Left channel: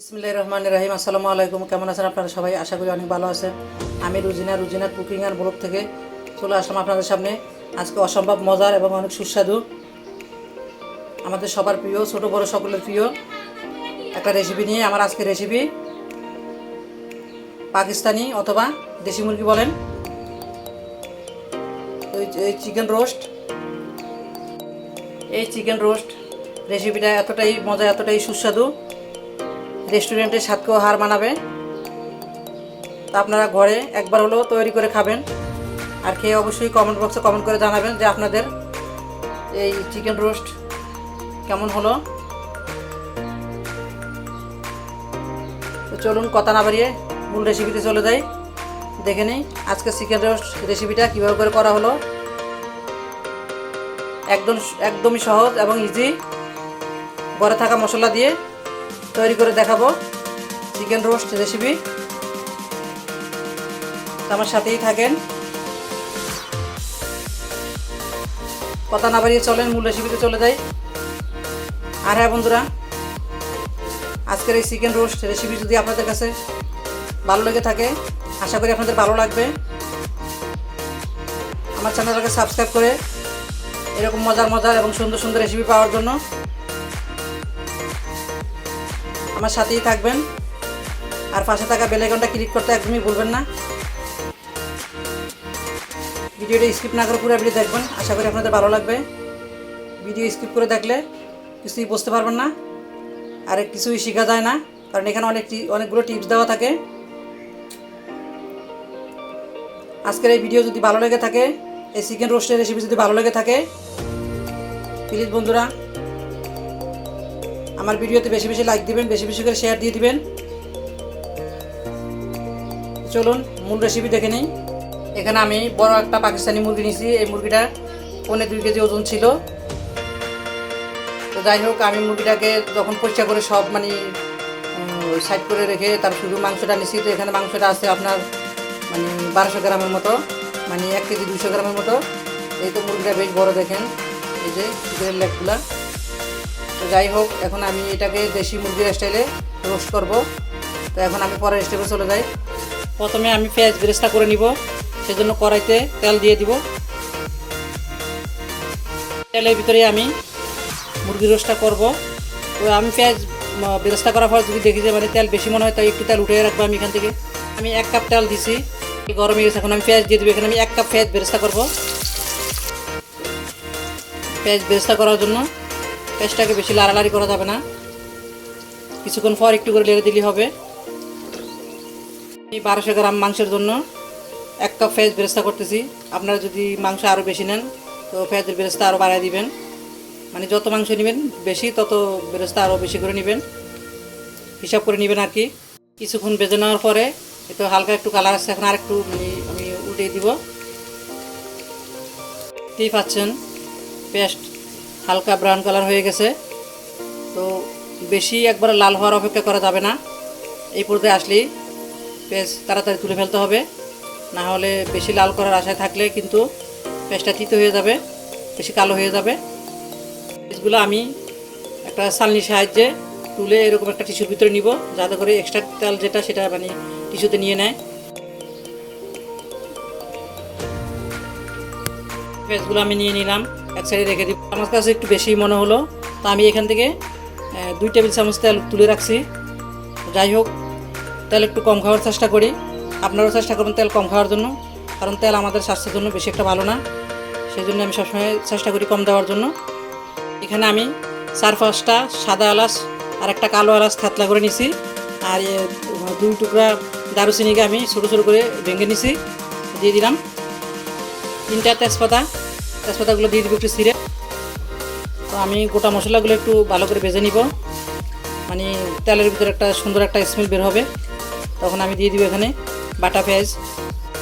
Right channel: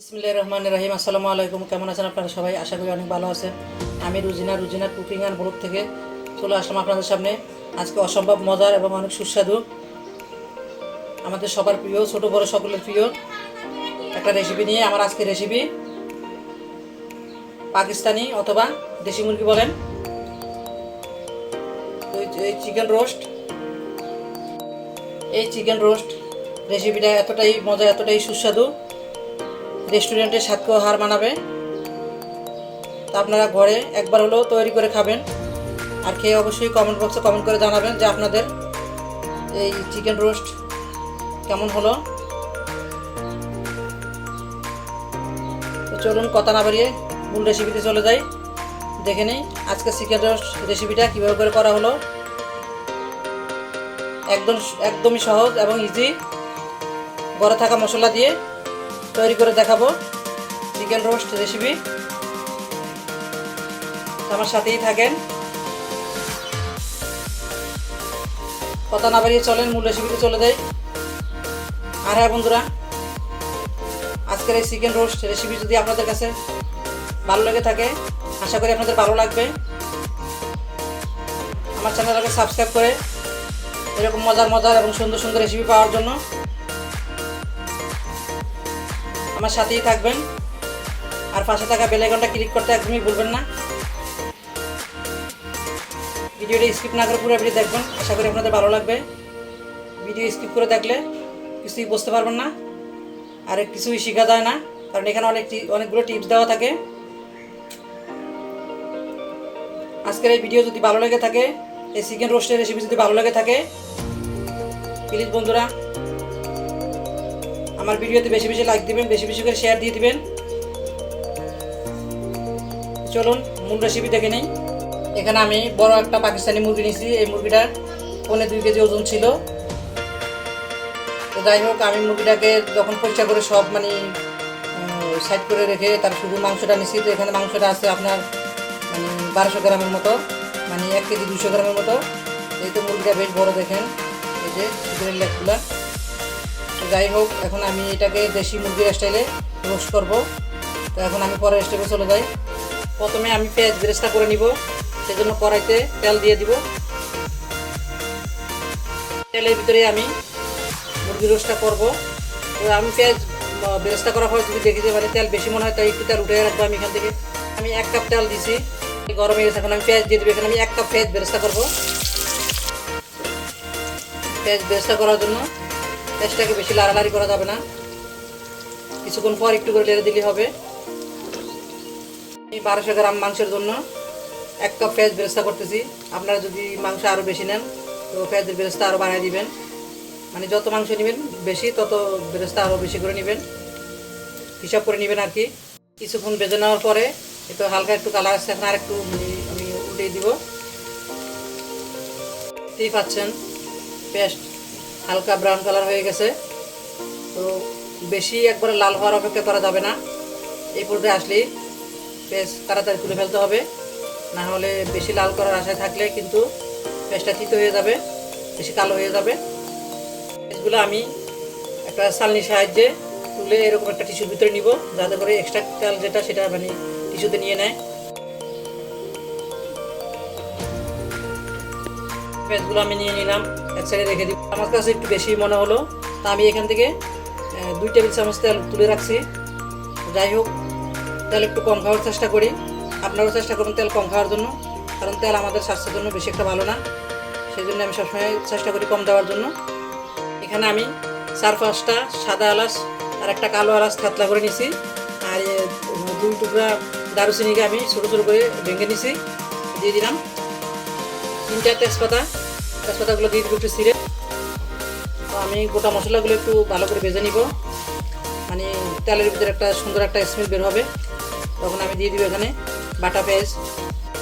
বিসমিল্লাহির রহমানির রহিম। আসসালামু আলাইকুম। কেমন আছেন আপনারা সবাই? আশা করি অনেক ভালো আছেন। আমি রুজিনা কুকিং অ্যান্ড ব্লগ থেকে চলে আসলাম আপনাদের সামনে আজকে অসম্ভব মজার এবং অনেক সুস্বাদু, আমাদের সবার প্রিয়, ছোট বড় সকলের প্রিয় একটা রেসিপি নিয়ে। আমার আজকে রেসিপি পাকিস্তানি অথবা দেশি মুরগি বলেন, এই চিকেন রোস্ট। এই চিকেন রোস্ট রেসিপিটা এতটাই মজা, এতটাই সুস্বাদু, রেস্টুরেন্টে স্বাদকেও হার মানাবে। তা আপনারা ঘরে একবার হলেও তৈরি করে খাবেন, আর খেয়ে অবশ্যই কমেন্ট বক্সে কমেন্ট করে জানাবেন যে আপনাদের এই চিকেন রোস্ট কেমন হলো। তো চলুন কথা না বাড়িয়ে মূল রেসিপিতে চলে যাই, দেখে নিই আজকে চিকেন রোস্ট রেসিপিটা কীভাবে করে করা হলো। একদমই সহজ এবং ইজি, ঘরে থাকা মশলা দিয়ে তৈরি করে দেখাবো চিকেন রোস্ট রেসিপি। আমার সাথেই থাকেন, কথা না বাড়িয়ে চলেন মূল রেসিপিতে চলে যাই। আর হ্যাঁ বন্ধুরা, আজকের এই চিকেন রোস্ট রেসিপি যদি আপনাদের কাছে ভালো লেগে থাকে, আশা করি আপনাদের ভালো লাগবে। আমার চ্যানেলটাকে সাবস্ক্রাইব করে এরকম মজার এবং সুন্দর রেসিপি পাওয়ার জন্য আমার সাথেই থাকবেন, আর পাশে থাকা বেল আইকনটা ক্লিক করতে একদমই ভুলবেন না। ভিডিওটা স্কিপ না করে পুরো ভিডিও দেখবেন, আশা করি আপনাদের ভালো লাগবে। ভিডিও স্কিপ করে দেখলে কিছুই বুঝতে পারবেন না, আর কিছুই শেখা যায় না, কারণ এখানে অনেকগুলো টিপস দেওয়া থাকে। আজকের এই ভিডিও যদি ভালো লেগে থাকে, এই চিকেন রোস্টের রেসিপি যদি ভালো লেগে থাকে, প্লিজ বন্ধুরা আমার ভিডিওতে বেশি লাইক দিবেন, বেশি করে শেয়ার দিয়ে দিবেন। চলুন মূল রেসিপি দেখে নেই। এখানে আমি বড় একটা পাকিস্তানি মুরগি নিয়েছি। এই মুরগিটা 2.5 কেজি ওজন ছিল। তো যাই হোক, আমি মুরগিটাকে যখন পরিষ্কার করে সব সাইড করে রেখে তার শুধু মাংসটা নিয়েছি। তো এখানে মাংসটা আছে আপনার 1200 গ্রামের মতো, 1 কেজি 200 গ্রামের মতো। এই তো মুরগিটা বেশ বড়, দেখেন এই যে চিকেনের লেগগুলা। তো যাই হোক, এখন আমি এটাকে দেশি মুরগির স্টাইলে রোস্ট করব। তো এখন আমি পরের স্টেপে চলে যাই। প্রথমে আমি পেঁয়াজ বেরেস্তা করে নিব, সেজন্য কড়াইতে তেল দিয়ে দিব। তেলের ভিতরে আমি মুরগি রোস্টটা করব। তো আমি পেঁয়াজ বেরেস্তা করার পর যদি দেখি যে তেল বেশি মনে হয়, তাই একটু তেল উঠে রাখবো আমি এখান থেকে। আমি 1 কাপ তেল দিছি, গরম হয়ে গেছে। এখন আমি পেঁয়াজ দিয়ে দেবো। এখানে আমি 1 কাপ পেঁয়াজ বেরেস্তা করব। পেঁয়াজ বেরেস্তা করার জন্য পেঁয়াজটাকে বেশি লাড়ালাড়ি করা যাবে না, কিছুক্ষণ পর একটু করে লেড়ে দিলে হবে। আমি 1200 গ্রাম মাংসের জন্য 1 কাপ পেঁয়াজ বেরেস্তা করতেছি। আপনারা যদি মাংস আরও বেশি নেন, তো পেঁয়াজের বেরেস্তা আরও বাড়ায় দিবেন। যত মাংস নেবেন বেশি, তত বেরেস্তা আরও বেশি করে নেবেন, হিসাব করে নেবেন আর কি। কিছুক্ষণ ভেজে নেওয়ার পরে একটু হালকা একটু কালার আসছে, এখন আর একটু আমি উল্টে দিব। দেখতেই পাচ্ছেন পেস্ট হালকা ব্রাউন কালার হয়ে গেছে। তো বেশি একবারে লাল হওয়ার অপেক্ষা করা যাবে না। এই পর্যায়ে আসলেই পেস্ট তাড়াতাড়ি তুলে ফেলতে হবে, না হলে বেশি লাল করার আশায় থাকলে কিন্তু পেস্টটা তিতো হয়ে যাবে, বেশি কালো হয়ে যাবে। পেস্টগুলো আমি একটা ছালনির সাহায্যে তুলে এরকম একটা টিস্যুর ভিতরে নিব, যাতে করে এক্সট্রা তেল যেটা সেটা টিস্যুতে নিয়ে নেয়। পেস্টগুলো আমি নিয়ে নিলাম, এক সাইডে রেখে দিব। আমার কাছে একটু বেশি মনে হলো, তা আমি এখান থেকে 2 টেবিল চামচ তেল তুলে রাখছি। যাই হোক, তেল একটু কম খাওয়ার চেষ্টা করি, আপনারাও চেষ্টা করুন তেল কম খাওয়ার জন্য, কারণ তেল আমাদের স্বাস্থ্যের জন্য বেশি একটা ভালো না। সেই জন্য আমি সবসময় চেষ্টা করি কম দেওয়ার জন্য। এখানে আমি 4-5টা সাদা এলাচ আর একটা কালো এলাচ থাতলা করে নিছি, আর 2 টুকরা দারুচিনিকে আমি ছোটো করে ভেঙে নিছি, দিয়ে দিলাম। 3টা তেজপাতাগুলো দিয়ে দিব একটু ছিঁড়ে। তো আমি গোটা মশলাগুলো একটু ভালো করে ভেজে নিব, তেলের ভিতরে একটা সুন্দর একটা স্মেল বের হবে। তখন আমি দিয়ে দিব এখানে বাটা পেঁয়াজ।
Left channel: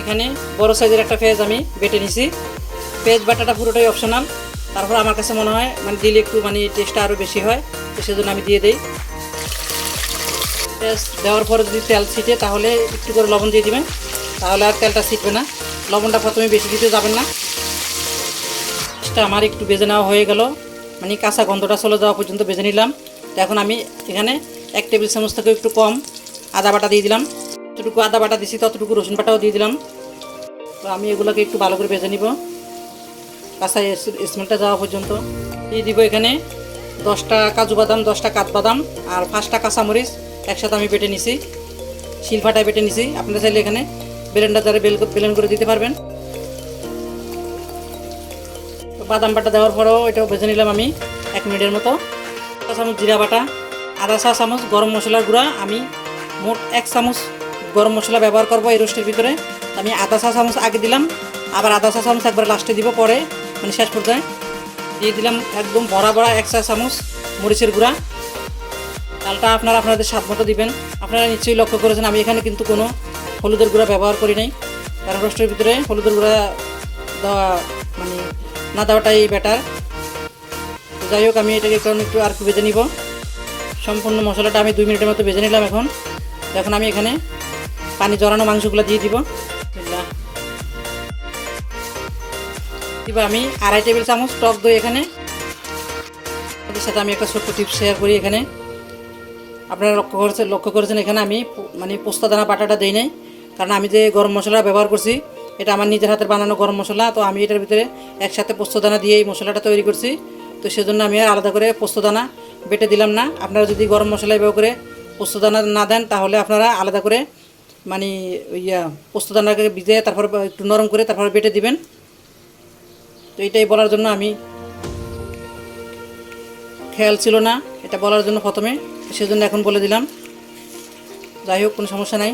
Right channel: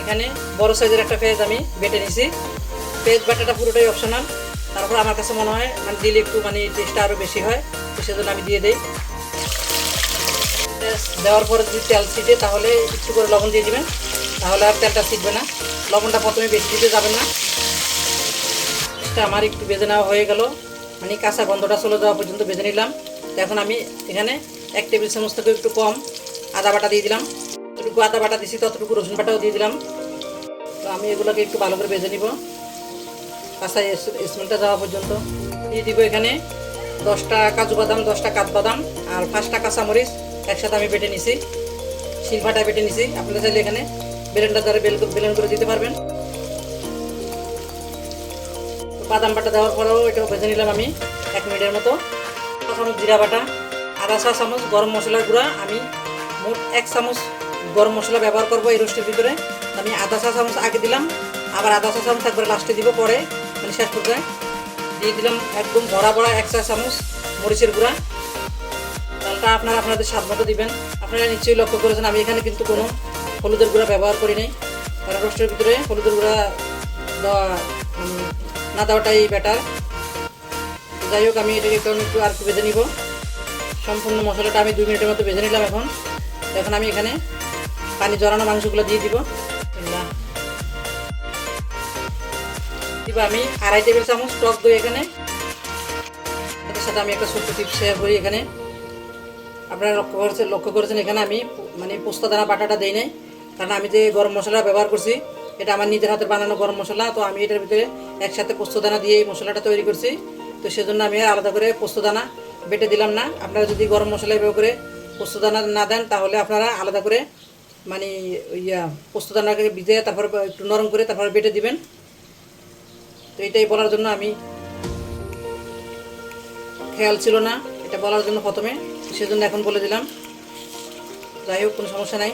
এখানে বড় সাইজের একটা পেঁয়াজ আমি বেটে নিছি। পেঁয়াজ বাটাটা পুরোটাই অপশনাল, তারপর আমার কাছে মনে হয় দিলে একটু টেস্টটা আরও বেশি হয়, তো সেজন্য আমি দিয়ে দিই। পেঁয়াজ দেওয়ার পর যদি তেল ছিটে, তাহলে একটু করে লবণ দিয়ে দিবেন, তাহলে আর তেলটা ছিটবে না। লবণটা প্রথমে বেশি দিতে যাবেন না। আমার একটু ভেজে নেওয়া হয়ে গেল, কাঁচা গন্ধটা চলে যাওয়া পর্যন্ত ভেজে নিলাম। এখন আমি এখানে 1 টেবিল চামচ থেকে একটু কম আদা বাটা দিয়ে দিলাম। যতটুকু আদা বাটা দিছি ততটুকু রসুন বাটাও দিয়ে দিলাম। তো আমি এগুলোকে একটু ভালো করে ভেজে নিব কাঁচা স্মেলটা যাওয়া পর্যন্ত। দিয়ে দিব এখানে 10টা কাজু বাদাম, 10টা কাঠবাদাম আর 5টা কাঁচামরিচ একসাথে আমি বেটে নিছি, শিলপাটায় বেটে নিছি। আপনারা চাইলে এখানে ব্লেন্ডার দ্বারা ব্লেন্ড করে দিতে পারবেন। বাদাম বাটা দেওয়ার পরেও এটাও ভেজে নিলাম আমি 1 মিনিটের মতো। 1 চামচ জিরা বাটা, আধা চা চামচ গরম মশলার গুঁড়া। আমি মোট 1 চামচ গরম মশলা ব্যবহার করবো এই রোস্টের ভিতরে। আমি আধা চা চামচ আগে দিলাম, আবার আধা চা চামচ একবার লাস্টে দিব, পরে মানে শেষ পর্যায়ে দিয়ে দিলাম একদম বড়া 1 চা চামচ মরিচের গুঁড়া। ডালটা আপনারা আপনাদের স্বাদ মতো দিবেন। আপনারা নিশ্চয়ই লক্ষ্য করেছেন আমি এখানে কিন্তু কোনো হলুদের গুঁড়া ব্যবহার করি নাই, কারণ রোস্টের ভিতরে হলুদের গুঁড়া দেওয়া মানে না দেওয়াটাই বেটার। যাই হোক, আমি এটাকে একটু আর একটু ভেজে নিব। সম্পূর্ণ মশলাটা আমি 2 মিনিটের মতো ভেজে নিলাম। এখন আমি এখানে পানি জড়ানো মাংসগুলো দিয়ে দিব। আমি 2.5 টেবিল চামচ টক দই এখানে। এর সাথে আমি একটা ছোট্ট টিপস শেয়ার করি। এখানে আপনারা লক্ষ্য করেছেন এখানে আমি মানে পোস্তা দানা বাটাটা দেই নাই, কারণ আমি যে গরম মশলা ব্যবহার করছি এটা আমার নিজের হাতের বানানো গরম মশলা। তো আমি এটার ভিতরে একসাথে পোস্ত দানা দিয়ে এই মশলাটা তৈরি করছি। তো সেজন্য আমি আলাদা করে পোস্ত দানা বেটে দিলাম না। আপনারা যদি গরম মশলা ব্যবহার করে পোস্ত দানা না দেন তাহলে আপনারা আলাদা করে মানে পোস্ত দানাকে ভিজে তারপরে একটু নরম করে তারপরে বেটে দিবেন। তো এটাই বলার জন্য আমি খেয়াল ছিল না এটা বলার জন্য প্রথমে, সেজন্য এখন বলে দিলাম। যাই হোক, কোনো সমস্যা নাই।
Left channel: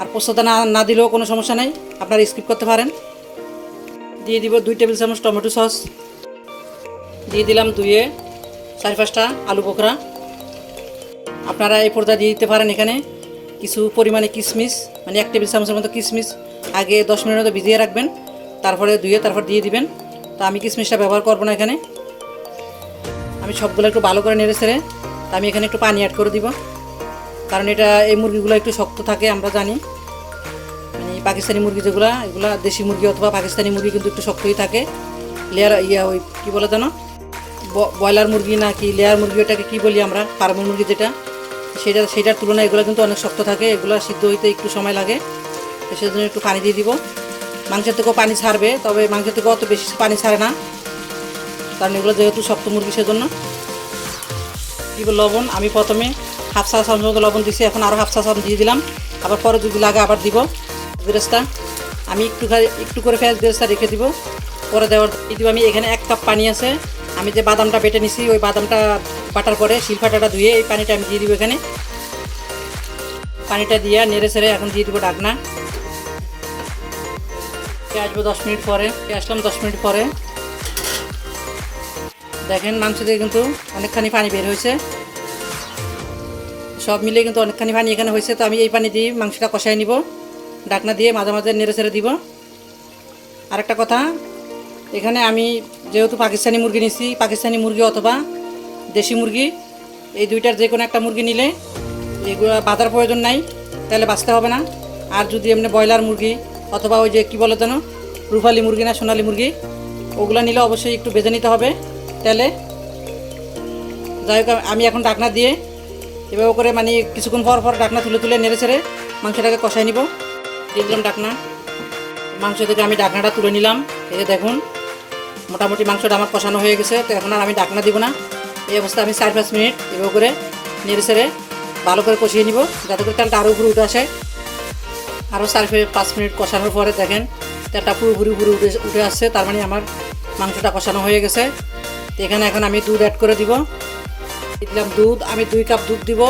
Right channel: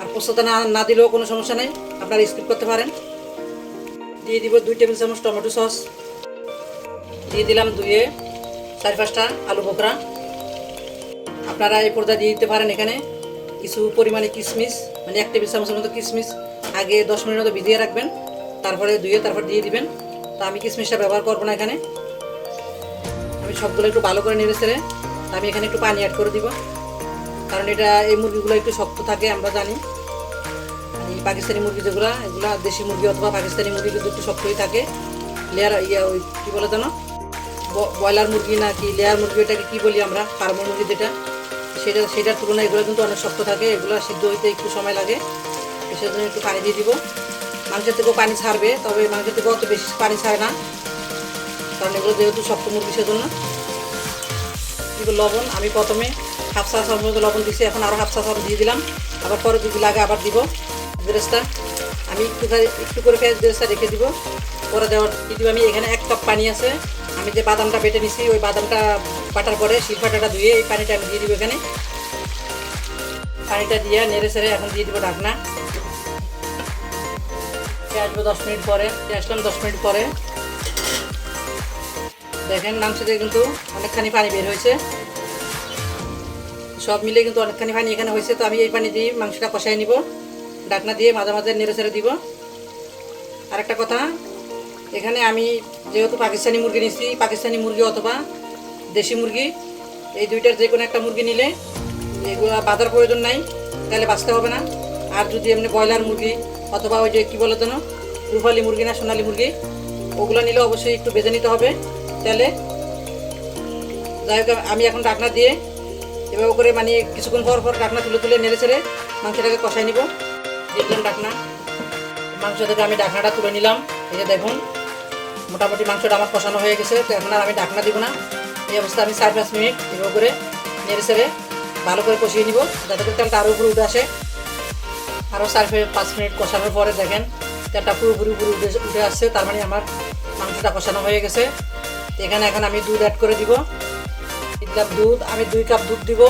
আর পোস্ত দানা না দিলেও কোনো সমস্যা নেই, আপনারা স্কিপ করতে পারেন। দিয়ে দিব 2 টেবিল চামচ টমেটো সস। দিয়ে দিলাম 4-5টা আলু বোখরা। আপনারা এই পর্যায়ে দিয়ে দিতে পারেন এখানে কিছু পরিমাণে কিশমিশ, মানে 1 টেবিল চামচের মতো কিশমিশ আগে 10 মিনিট মতো ভিজিয়ে রাখবেন, তারপরে তারপর দিয়ে দিবেন। তো আমি কিশমিশটা ব্যবহার করবো না এখানে। আমি সবগুলো একটু ভালো করে নেড়ে ছেড়ে আমি এখানে একটু পানি অ্যাড করে দিব, কারণ এই মুরগিগুলো একটু শক্ত থাকে। আমরা জানি মানে পাকিস্তানি মুরগি যেগুলো, এগুলো দেশি মুরগি অথবা পাকিস্তানি মুরগি কিন্তু একটু শক্তই থাকে। ওই কী বলে যেন ব্রয়লার মুরগি না কি লেয়ার মুরগি, এটাকে কী বলি আমরা, ফার্মের মুরগি যেটা, সেটার তুলনায় এগুলো কিন্তু অনেক শক্ত থাকে। এগুলো সিদ্ধ হইতে একটু সময় লাগে। তো সেজন্য একটু পানি দিয়ে দিব। মাংসের থেকেও পানি ছাড়বে, তবে মাংসের থেকেও অত বেশি পানি ছাড়ে না, কারণ এগুলো যেহেতু শক্ত মুরগি সেজন্য। লবণ আমি প্রথমে 1/2 চা চামচ মতো লবণ দিচ্ছি, এখন আরও 1/2 চা চামচ দিয়ে দিলাম। আবার পরে যদি লাগে আবার দিব। বেরেস্তা আমি একটু করে বেরেস্তা রেখে দিব, পরে দিব। আমি এখানে 1 কাপ পানি আছে, আমি যে বাদামটা বেটে নিছি ওই বাদামটা বাটার পরে শিলপাটাটা ধুয়ে এই পানিটা আমি দিয়ে দিব এখানে। পানিটা দিয়ে নেড়ে ছেড়ে এখন দিয়ে দিব ঢাকনা। আসবো 10 মিনিট পরে। আসলাম 10 মিনিট পরে, দেখেন মাংস দিয়ে কিন্তু অনেকখানি পানি বের হয়েছে। সব মিলে কিন্তু অনেকখানি পানি এখানে হয়েছে। তো আমি এই পানি দিয়ে মাংসটা কষাই নিব, ঢাকনা দিয়ে মাঝে মাঝে নেড়ে ছেড়ে দিব। আরেকটা কথা, এখানে আমি যেহেতু পাকিস্তানি মুরগি নিচ্ছি, পাকিস্তানি মুরগি অথবা দেশি মুরগি এই দুইটার যে কোনো একটা মুরগি নিলে এগুলো বাঁধার প্রয়োজন নাই, তাহলে বাঁচতে হবে না। আর যদি এমনি ব্রয়লার মুরগি অথবা ওই যে কী বলে যেন রূপালি মুরগি না সোনালি মুরগি, ওগুলো নিলে অবশ্যই একটু বেজে নিতে হবে তাহলে। যাই হোক, আমি এখন ঢাকনা দিয়ে এভাবে করে মানে কিছুক্ষণ পর ঢাকনা তুলে নেড়ে ছেড়ে মাংসটাকে কষাই নিব। দিয়ে দিলাম ঢাকনা। মাংস থেকে আমি ঢাকনাটা তুলে নিলাম। এই যে দেখুন মোটামুটি মাংসটা আমার কষানো হয়ে গেছে। তো এখন আর আমি ঢাকনা দিব না, এই অবস্থা আমি 4-5 মিনিট এভাবে করে নেড়ে ছেড়ে ভালো করে কষিয়ে নিব, যাতে করে তেলটা আরও উপরে উঠে আসে। আরও 4-5 মিনিট কষানোর পরে দেখেন তেলটা পুরোপুরি উঠে আসছে, তার মানে আমার মাংসটা কষানো হয়ে গেছে। তো এখানে এখন আমি দুধ অ্যাড করে দিব। দিলাম দুধ, আমি 2 কাপ দুধ দিব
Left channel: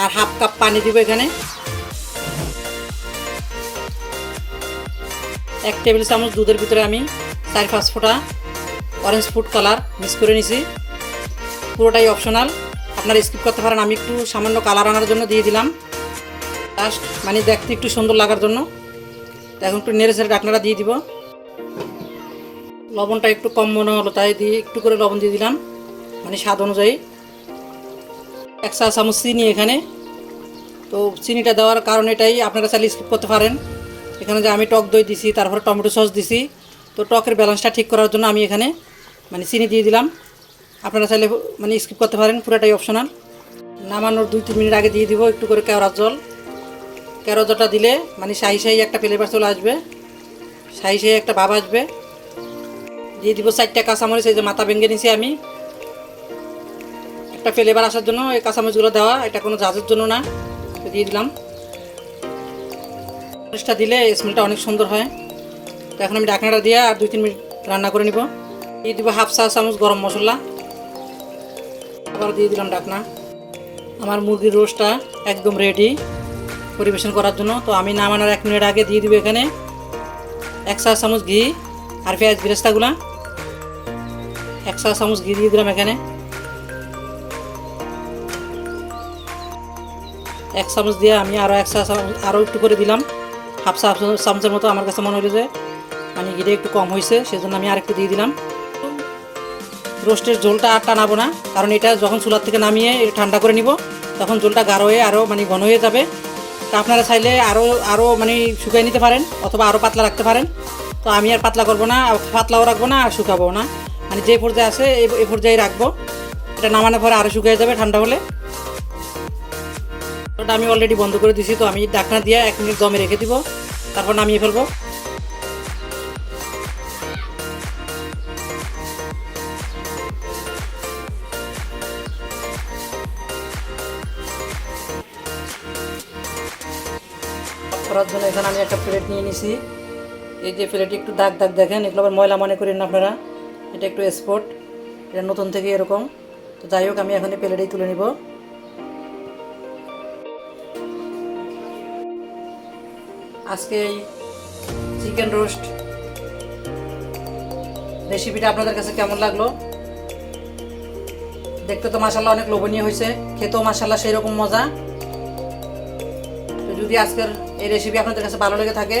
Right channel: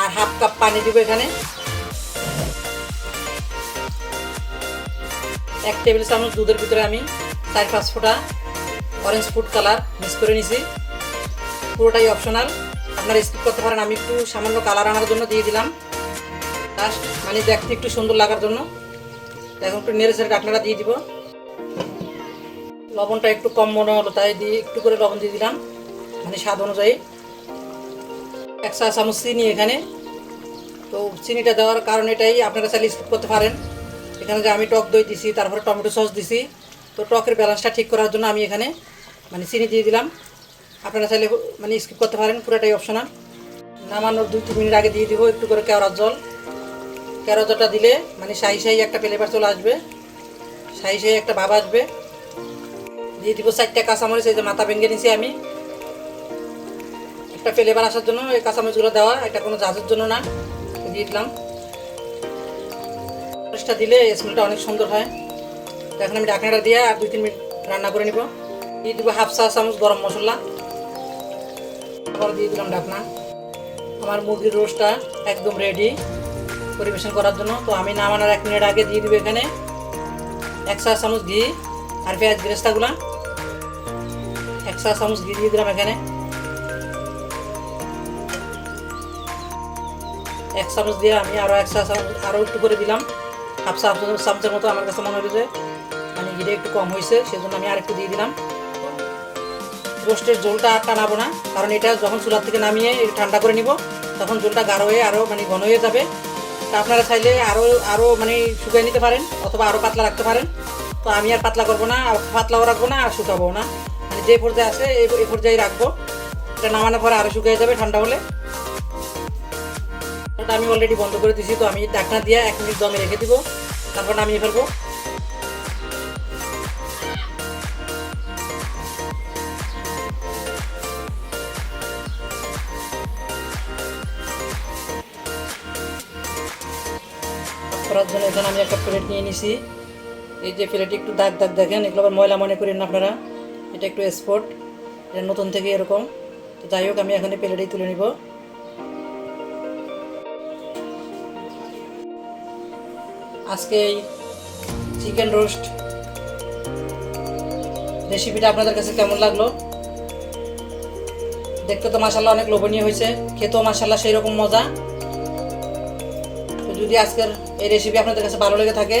আর 1/2 কাপ পানি দিব এখানে। 1 টেবিল চামচ দুধের ভিতরে আমি 4-5 ফোঁটা অরেঞ্জ ফুড কালার মিক্স করে নিছি। পুরোটাই অপশনাল, আপনারা স্কিপ করতে পারেন। আমি একটু সামান্য কালার আনার জন্য দিয়ে দিলাম, জাস্ট মানে দেখতে একটু সুন্দর লাগার জন্য। এখন একটু নেড়ে ছেড়ে ঢাকনাটা দিয়ে দিব। লবণটা একটু কম মনে হলো তাই একটু করে লবণ দিয়ে দিলাম, মানে স্বাদ অনুযায়ী। 1 চা চামচ চিনি এখানে। তো চিনিটা দেওয়ার কারণ এটাই, আপনারা চাইলে স্কিপ করতে পারেন। এখানে যে আমি টক দই দিছি, তারপরে টমেটো সস দিছি, তো টকের ব্যালেন্সটা ঠিক করার জন্য আমি এখানে মানে চিনি দিয়ে দিলাম। আপনারা চাইলে মানে স্কিপ করতে পারেন, পুরোটাই অপশনাল। নামানোর 2-3 মিনিট আগে দিয়ে দিব একটু করে কেওড়ার জল। কেওড়ার জলটা দিলে মানে শাহি শাহি একটা ফ্লেভার চলে আসবে, শাহি শাহি একটা ভাব আসবে। দিয়ে দিব 4টা কাঁচামরিচ, এই যে মাথা ভেঙে নিয়েছি আমি, একটা ফ্লেভার আসার জন্য এই কাঁচামরিচগুলো দেওয়া, এটা কোনো ঝাঁঝের জন্য না। দিয়ে দিলাম, মরিচটা দিলে স্মেলটা অনেক সুন্দর হয়। তো এখন আমি ঢাকনাটা দিয়ে আর 2-3 মিনিট রান্না করে নিব। দিয়ে দিব হাফ চা চামচ গরম মশলা, আবার দিয়ে দিলাম ঢাকনা। আমার মুরগির রোস্টটা একদম রেডি পরিবেশন করার জন্য। তো আমি নামানোর 1 মিনিট আগে দিয়ে দিব এখানে 1 চা চামচ ঘি আর পেঁয়াজ বেরেস্তাগুলা। 1 চা চামচ ঘি দিয়ে দিলাম এখানে, 1 চামচ দিয়ে আমি আরও 1 চা চামচ আরও একটু করে দিলাম, হাফ চা চামচের মতো। আমার কাছে মনে হলো যে মানে ঘিটা একটু কম হয়েছে, সেজন্য আমি আর একটু দিয়ে দিলাম। রোস্টের ঝোলটা আর টানাবো না, কারণ এটা যখন চুলার থেকে নামিয়ে ঠান্ডা করে নিব তখন ঝোলটা গাঢ় হয়ে আরও মানে ঘন হয়ে যাবে। তো আপনারা চাইলে আরও মানে শুকিয়ে নিতে পারেন অথবা আরও পাতলা রাখতে পারেন। তো আমি আর পাতলা করবো না, পাতলাও রাখবো না আর শুকাবো না, মানে যে পর্যায়ে আসে এই পর্যায়ে রাখবো। এটা নামানোর পরে আরও শুকিয়ে যাবে ঠান্ডা হলে। ওটা আমি অলরেডি বন্ধ করে দিয়েছি। তো আমি ঢাকনা দিয়ে 1 মিনিট দমে রেখে দিব, তারপর নামিয়ে ফেলবো। করার জন্য এখানে আমি একটা প্লেট নিয়ে নিছি। এই যে প্লেটে একটু দাগ দাগ দেখেন, এগুলো আবার ময়লা মনে করেন না আপনারা, এটা একটু স্পট, এটা নতুন থেকে এরকম। তো যাই হোক, আমি এখন এই প্লেটেই তুলে নিব। আজকে এই চিকেন রোস্ট রেসিপিটা আপনাদের কাছে কেমন লাগলো? দেখতে তো মাশাআল্লাহ অনেক লোভনীয় হয়েছে, খেতেও মাশাআল্লাহ সেই রকম মজা। তো যদি আজকের এই রেসিপি আপনাদের কাছে ভালো লেগে থাকে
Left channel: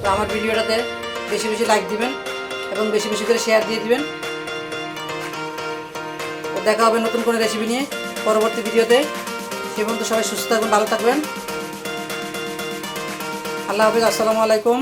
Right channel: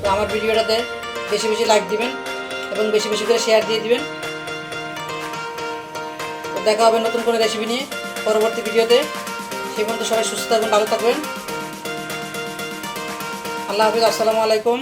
তো আমার ভিডিওটাতে বেশি বেশি লাইক দিবেন এবং বেশি বেশি করে শেয়ার দিয়ে দিবেন। তো দেখা হবে নতুন কোনো রেসিপি নিয়ে পরবর্তী ভিডিওতে। সেই পর্যন্ত সবাই সুস্থ থাকবেন, ভালো থাকবেন। আল্লাহ হাফিজ, আসসালামু আলাইকুম।